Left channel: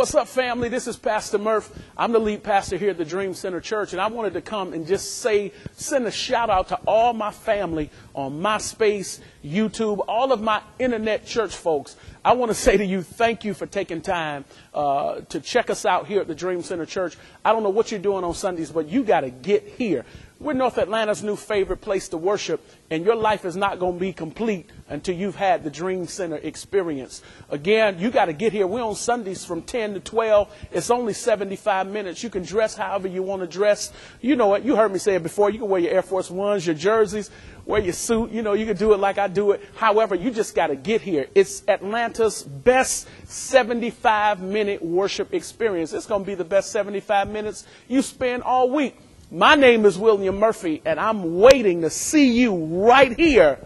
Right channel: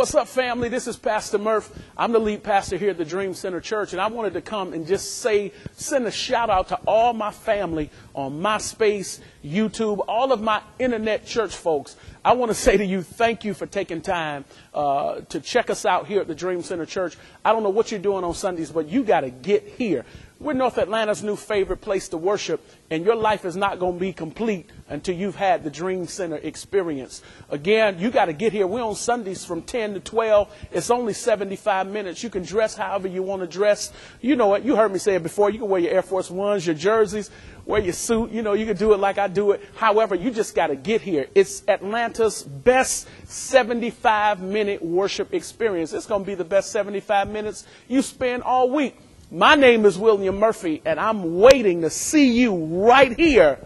What's up, family? This is Pastor Murph. I'm the lead pastor here at the Dream Center Church, and I wanted to come and just send a shout out to all my family on MySpace, YouTube, all of my internet church folks. I want to say to you, thank you for taking time to check us out here at the Dream Center Church. I don't know what you're doing on Sundays, but you got to get here. We're North Atlanta's new favorite place to worship, and your life is not going to be complete until you've had the Dream Center experience. Again, you got to get here. We're on Sundays from 10 to 12. It's only 75 minutes. You can dress however you want to dress. You know it. You heard me say it before. You can wear your Air Force Ones, your jerseys, wear your suit. You know, you can do it like I do it. However, you just got to get here. It's Atlanta's best 75-minute worship experience. It's going to be the best 75 minutes you spend all week. My name is William Murphy, and I'm waiting to see you right here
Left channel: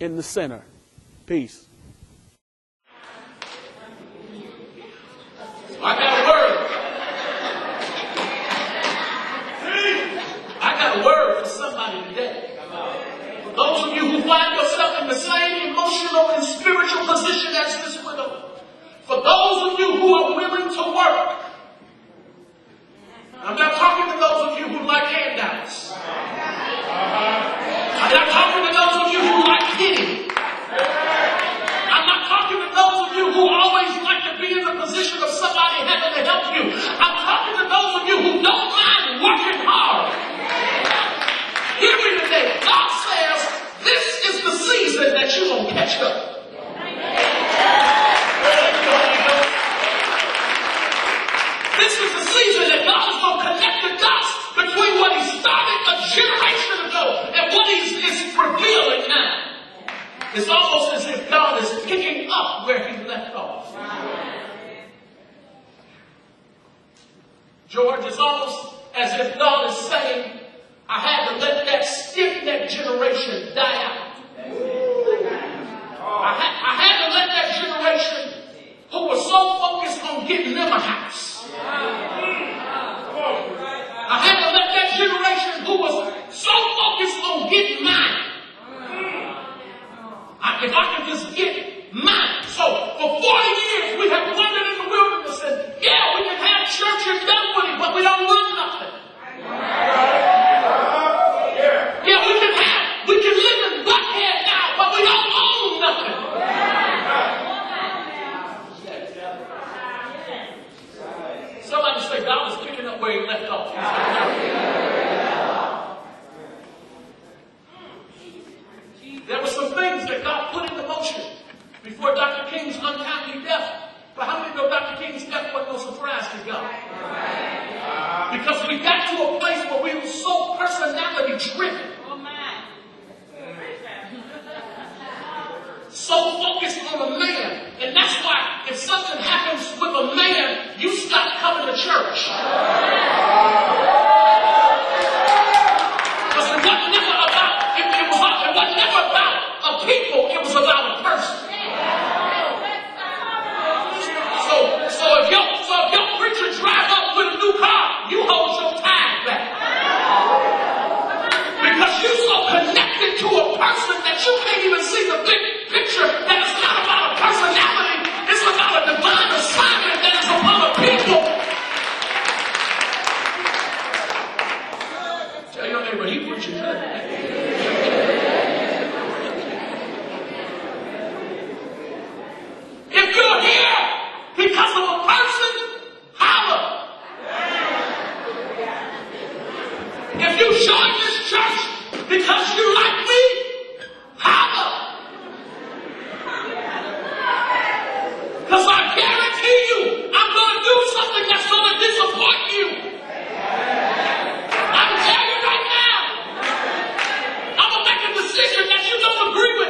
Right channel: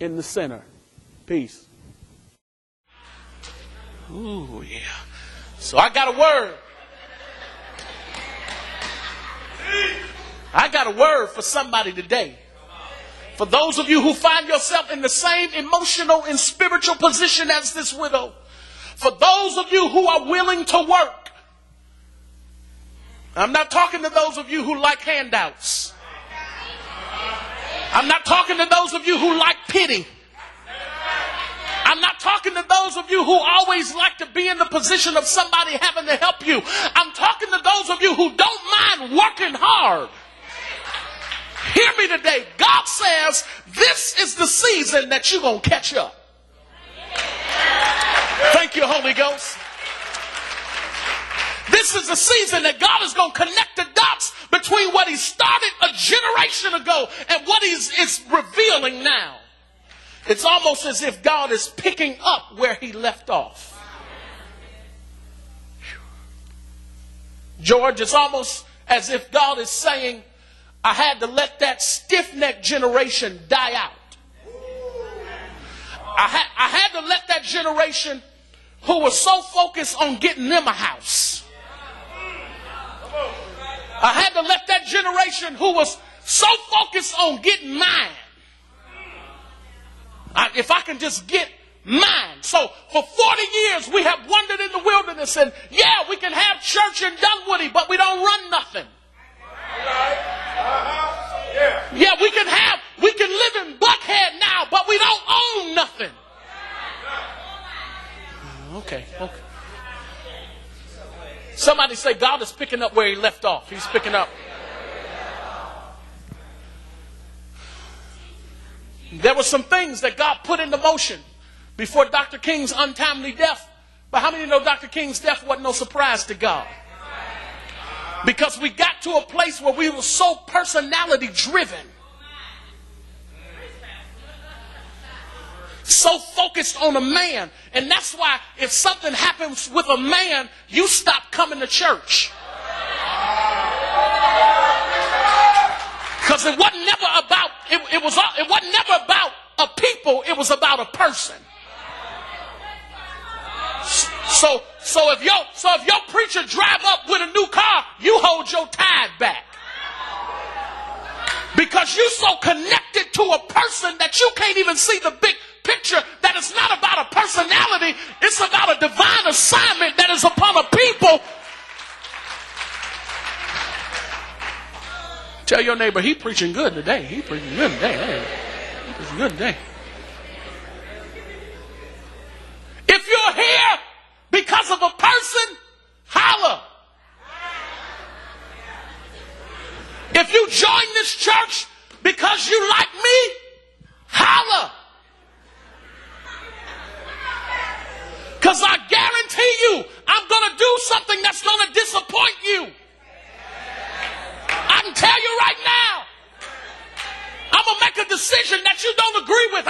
in the center. Peace. Ooh, yeah. So I got a word. I got a word for somebody today. For those of you who find yourself in the same emotional and spiritual position as this widow. For those of you who are willing to work. I'm not talking to those of you who like handouts. I'm not talking to those of you who like pity. I'm not talking to those of you who always like to be in the position of somebody having to help you. I'm talking to those of you who don't mind working hard. Hear me today. God says this is the season that you're going to catch up. Thank you, Holy Ghost. This is the season that God is going to connect the dots between what he started a generation ago and what he is revealing now. It's almost as if God is picking up where he left off. George, it's almost as if God is saying, I had to let that stiff-necked generation die out. I had to let that generation who was so focused on getting them a house. I had to let that generation who was so focused on getting mine. If I could just get mine. So for 40 years we have wandered in the wilderness and yeah, we can have church in Dunwoody, but we don't run nothing. Yeah, we can live in Buckhead now, but we don't own nothing. Okay. Somebody say God is picking up where he left off. He's picking up. There were some things that God put into motion before Dr. King's untimely death. But how many know Dr. King's death wasn't no surprise to God? Because we got to a place where we were so personality driven. So focused on a man. And that's why if something happens with a man, you stop coming to church. Because it wasn't never about it wasn't never about a people, it was about a person. So if your preacher drive up with a new car, you hold your tithe back. Because you're so connected to a person that you can't even see the big picture, that it's not about a personality, it's about a divine assignment that is upon a people. Tell your neighbor, he preaching good today. He preaching good today. Good day. If you're here because of a person, holler. If you join this church because you like me, holler. Because I guarantee you, I'm going to do something that's going to disappoint you. I'm telling you right now, I'm going to make a decision that you don't agree with.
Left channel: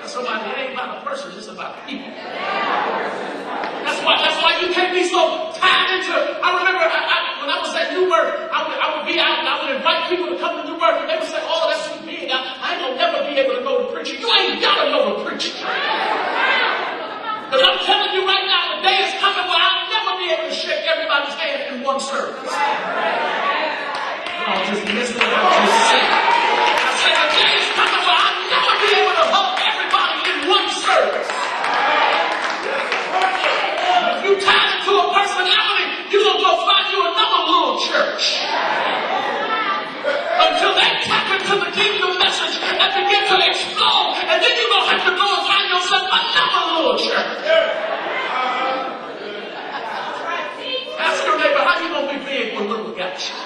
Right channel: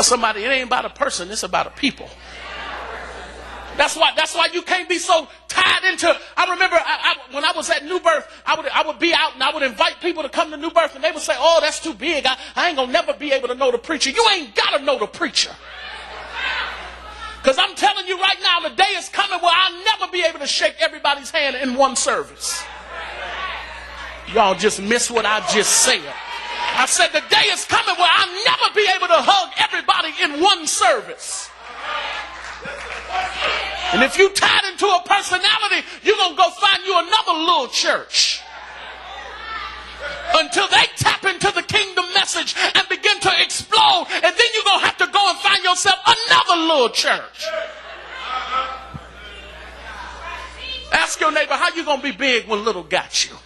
Tell somebody it ain't about a person, it's about a people. That's why you can't be so tied into. I remember when I was at New Birth, I would be out and I would invite people to come to New Birth and they would say, oh, that's too big. I ain't gonna never be able to go to preaching. You ain't gotta know the preacher. Because I'm telling you right now, the day is coming where I'll never be able to shake everybody's hand in one service. Y'all just missed what I just said. I said the day is coming where I'll never be able to hug everybody in one service. And if you tie into a personality, you're going to go find you another little church. Until they tap into the kingdom message and begin to explode. And then you're going to have to go and find yourself another little church. Ask your neighbor, how you going to be big when little got you?